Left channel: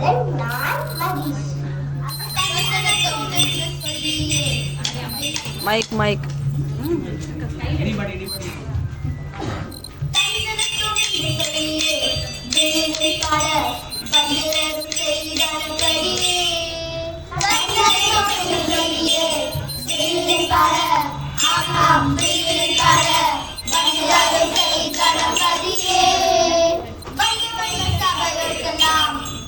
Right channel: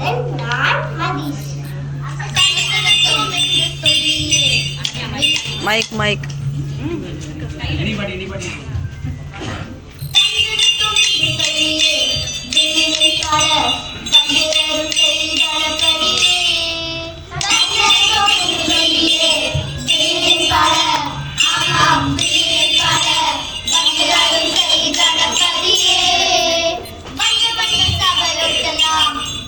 and non-Madis. Mike, Mike. Anybody, anybody?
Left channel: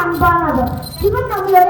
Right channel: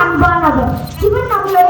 上班那个，基本上没有。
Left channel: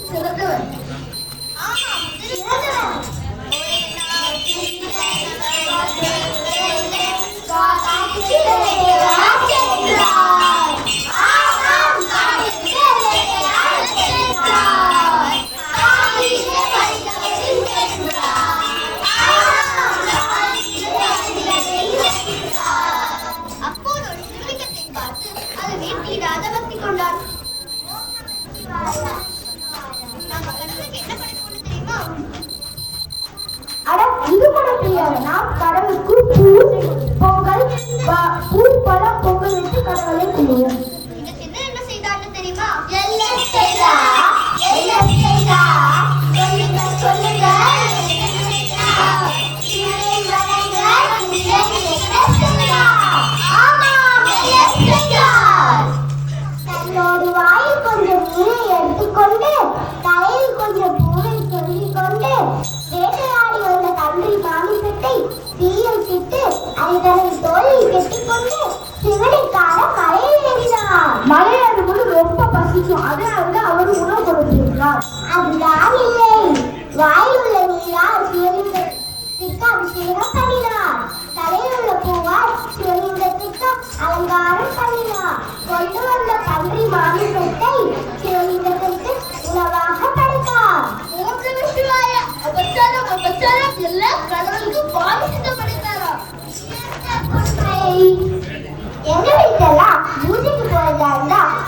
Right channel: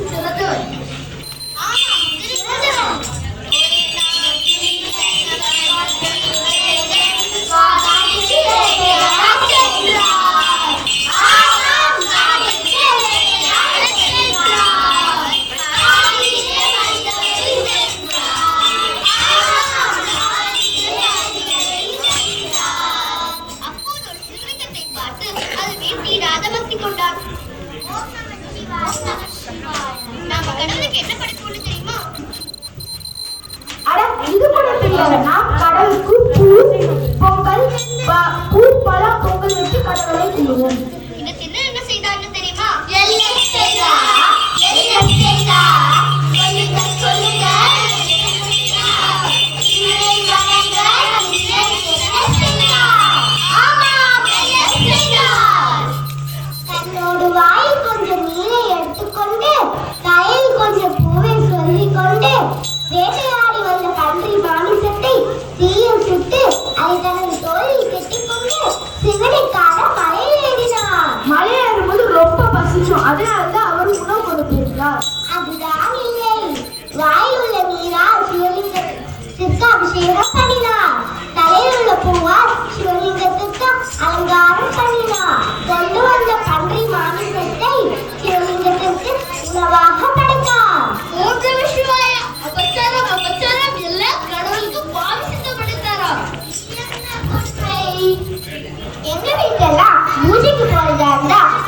つつが ரொம்ப பசிக்கும். அதனால அவர் உணவு கொடுத்திருக்கிறார் அப்படிதான் இல்லை. வாயில் உள்ள நீரால் சிவலிங்கத்திற்கு அபிஷேகம் பண்ணினா தலையில் உள்ள பூவால் சிவலிங்கத்திற்கு அலங்காரம் பண்ணினா கொண்டு வந்த பன்றி மாமிசத்தை சிவலிங்கத்திற்கு உணவாக படைத்தார். ஓம் நம சிவாய அபச்சாரம். அபச்சாரம் எல்லாம் கடவுளுக்கு பாவி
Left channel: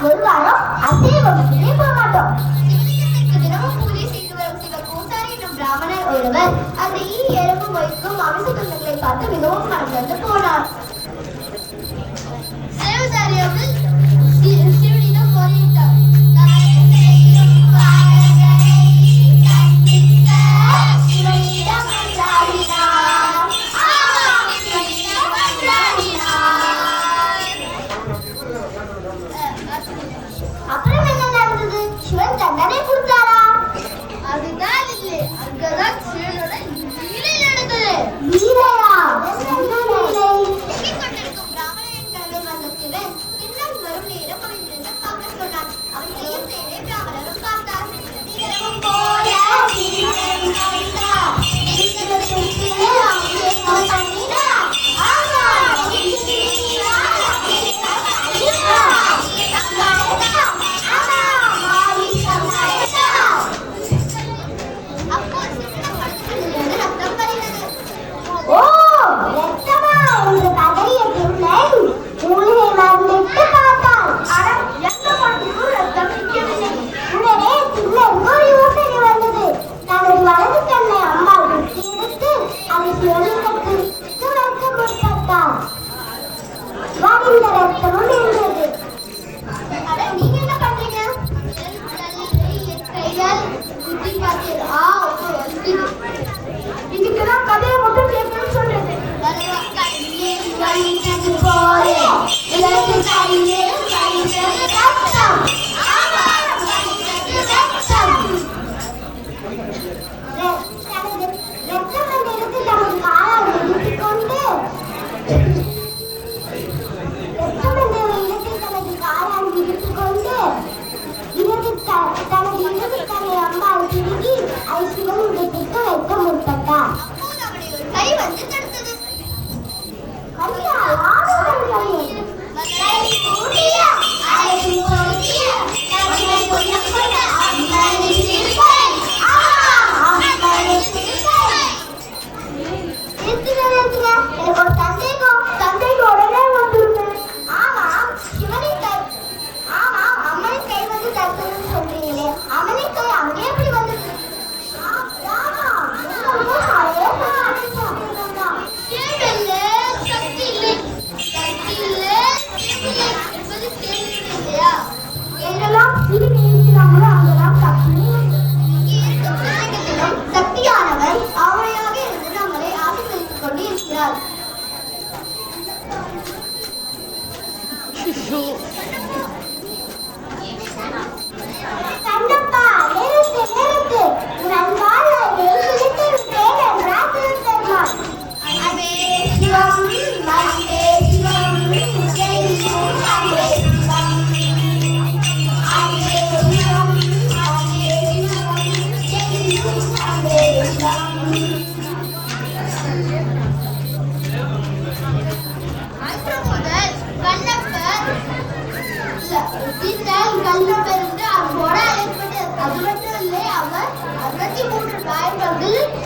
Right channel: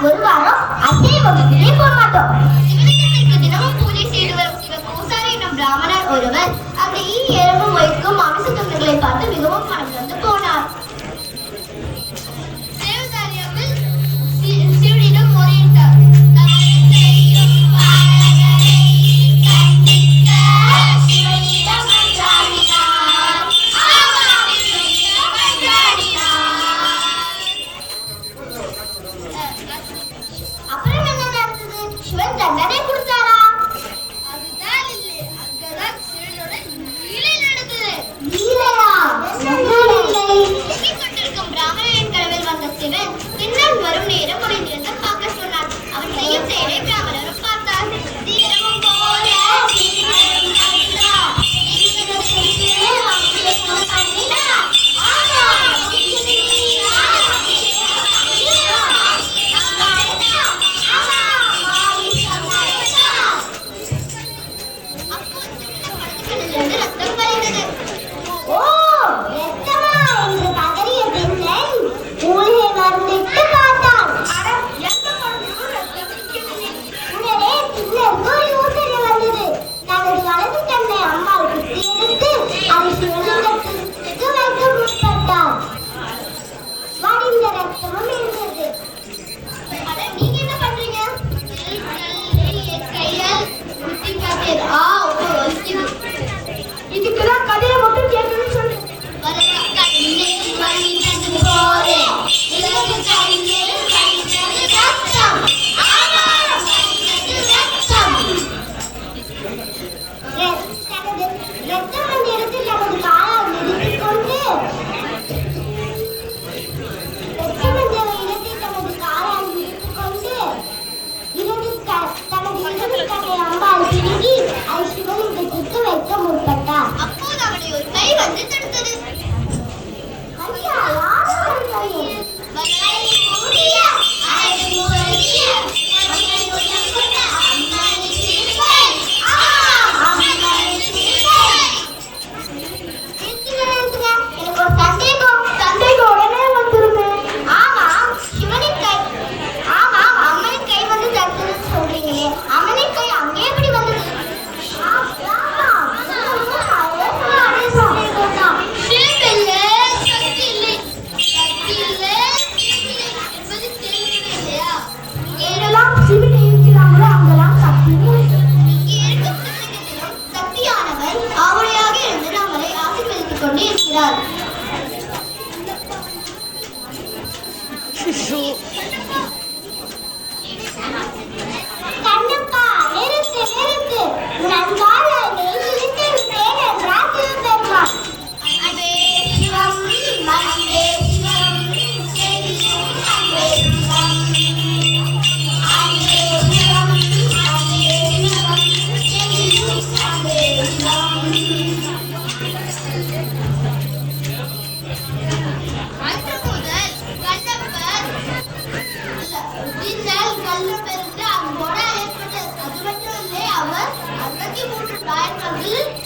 சொல்வாரோ அதே வகுப்பிலே போக மாட்டோம் தினமும் பூஜை செய்து வரும் சிவ பூசாரி எனும் பிராமணர் ஒருவர். அந்த ஈ எறும்பும் வைக்கும் அமிச துண்டுகளை பார்த்து மிகவும்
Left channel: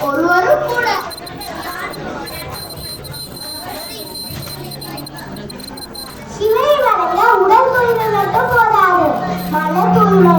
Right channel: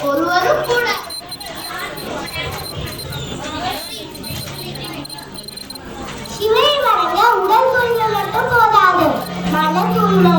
ஒருவரும் கூட. சிலை வரைய உடல் தூய்மை மட்டும் போதாது. மன தூய்மை